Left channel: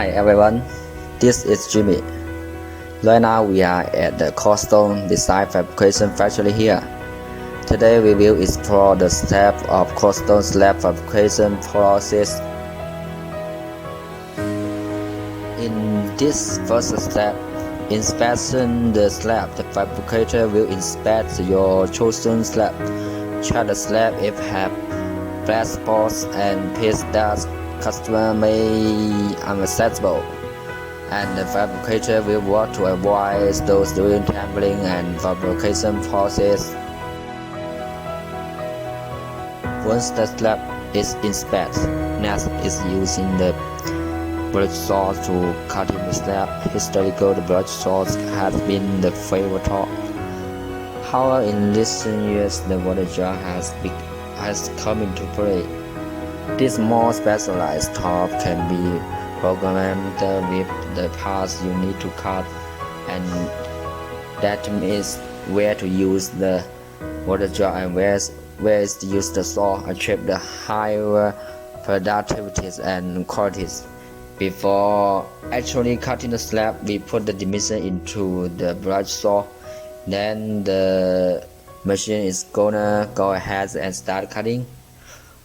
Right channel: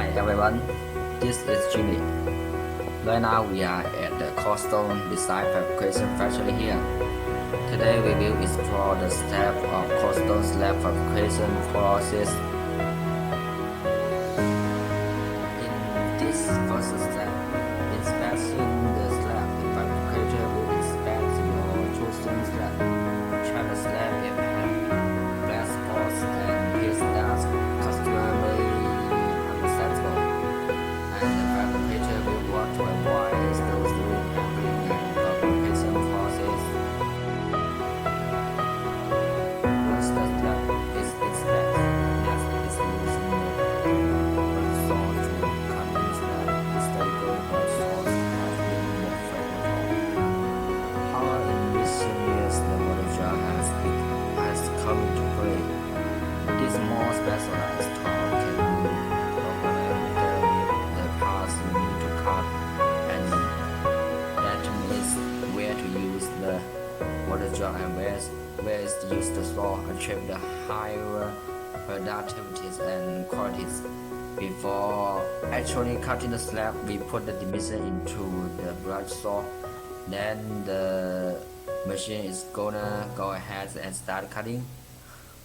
Hi everyone, this is Jimmy. Right now we are at the Quartz design fabrication factory here. Today we will explore the step of Quartz slab fabrication process. In this first step, inspection the slab. The fabricator will inspect your chosen slab. Check the slab if have black spots and pieces that customer may unacceptable, and the fabricator will work to avoid those during tampering and fabrication process. Once the slab is inspected, next is using the brush saw to cutting the slab. Historically, the brush saws has been the favorite tool. However, in recent years, the water jar has come into play. This more specialized tool can be programmed with the parts you need to cut, and that means where to use the water jar and where is to use the saw. Achieve the higher productivities and qualities. Before actually cutting the slab, we put the dimension into the brush saw. Then the machine is gonna go ahead and start cutting.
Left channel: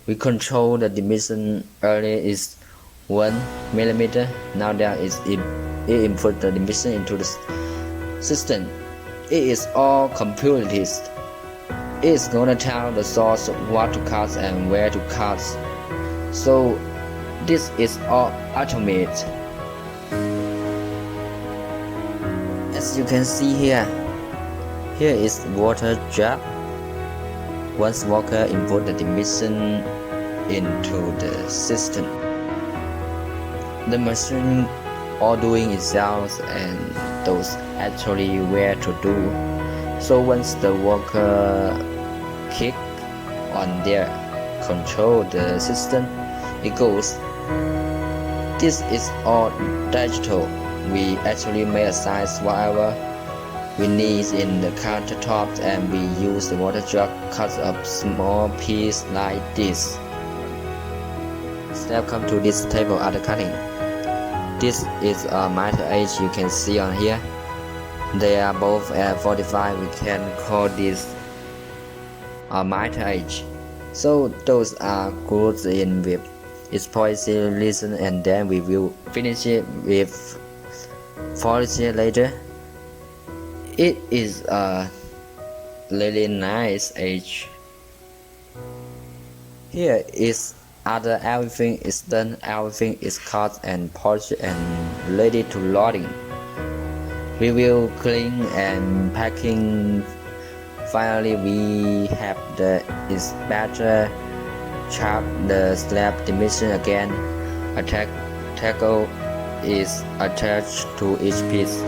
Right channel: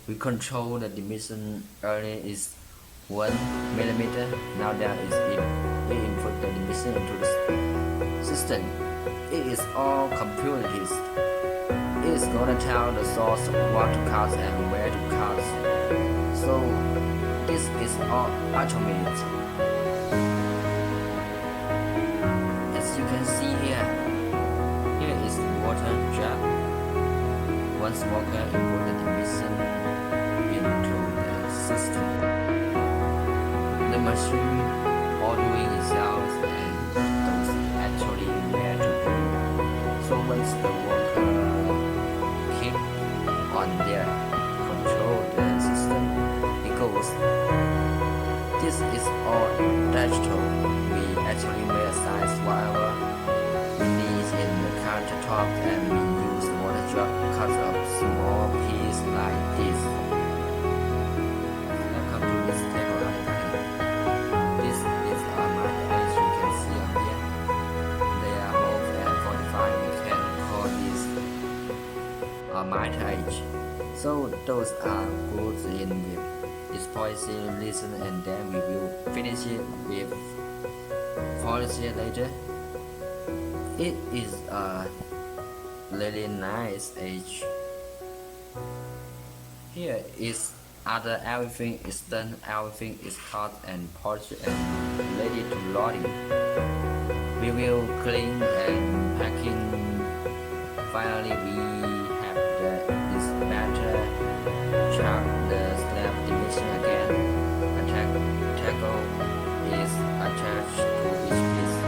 We control the dimension. Earlier is 1 mm. Now that it input the dimension into the system. It is all computerized. It is gonna tell the source what to cut and where to cut. So this is all automated. As you can see here is water jar. Once worker input the dimension into the system, the machine all doing itself and knows actually where to do. So once the worker click on their control the system, it goes. This is all digital. We actually may size whatever we need in the countertop, and we use the water jar cut up small piece like this. Step come to this table after cutting. This is a miter edge you can see on here. They are both at 45. We can call this a miter edge. So those are glued in with its polysilicon, and then we will finish it with polysilicon later. It is a really nice edge. Here is after everything is done, everything is cut and polished and ready to loading. We will clean and packing. Finally, we have the inspector check the slab dimension again. A tackle is attached to each piece.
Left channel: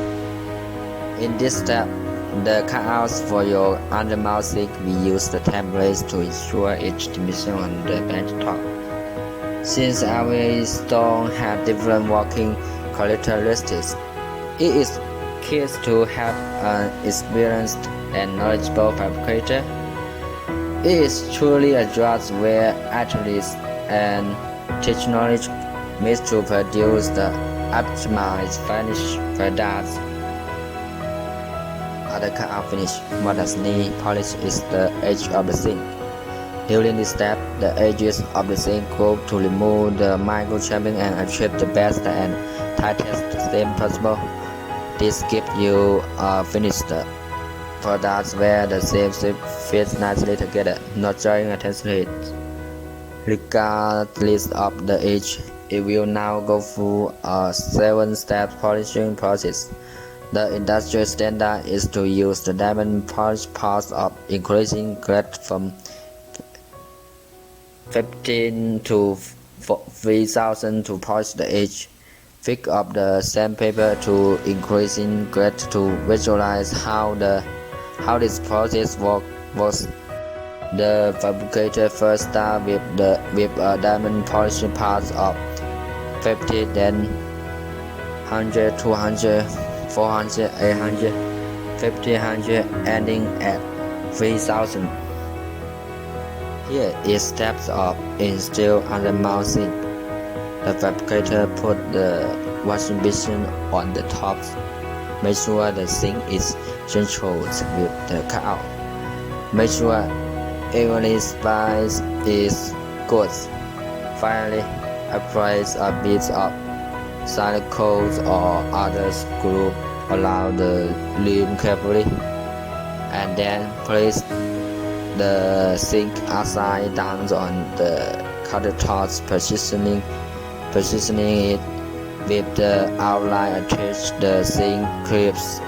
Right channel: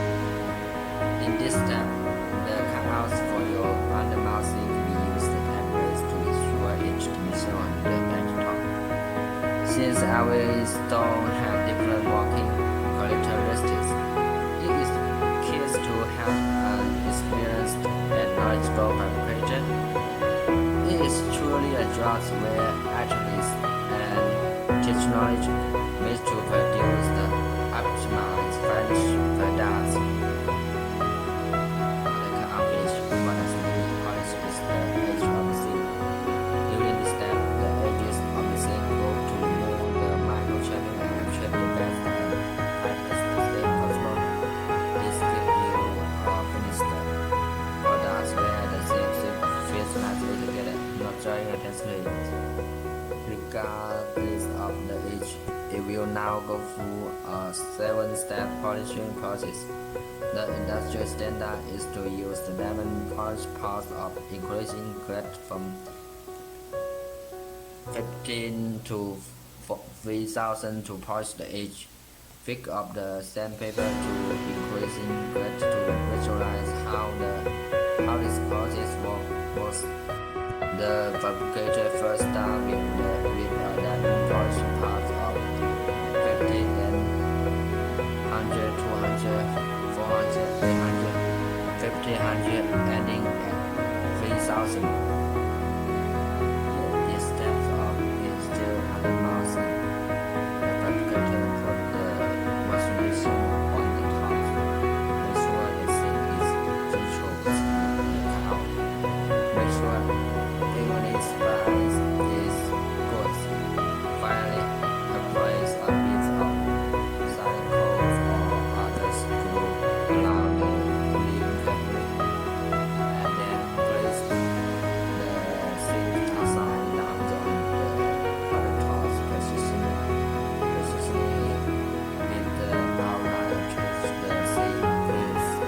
In this step, the cutouts for your undermounting, we use the templates to ensure each dimension on the bench top. Since every stone have different working characteristics, it is key to have an experienced and knowledgeable fabricator. It is truly a job where athletes and technology meet to produce the optimized finished products. After cutout finish, what does need polish is the edge of the zinc. During this step, the edges of the zinc go to remove the microchipping and achieve the best and tightest seam possible. This gives you a finished product where the seam fits nicely together, not drawing attention to it. Regardless of the edge, it will now go through a 7-step polishing process. The industrial standard is to use the diamond polish parts of increasing grade from 15 to 3000 to polish the edge. Pick up the sandpaper to increasing grade to visualize how this process works. The fabricator first starts with a diamond polishing parts of 50, then 100, 200, 400, 800, 1500, ending at 3000. Here is steps of install undermounting. The fabricator put the washing basin on the top. Make sure the sink is central with the cutout. Make sure evenly spaced is good. Finally, apply a bit of silicone or other glue around the rim carefully, and then place the sink upside down on the countertop, positioning it with the outline attached the sink clips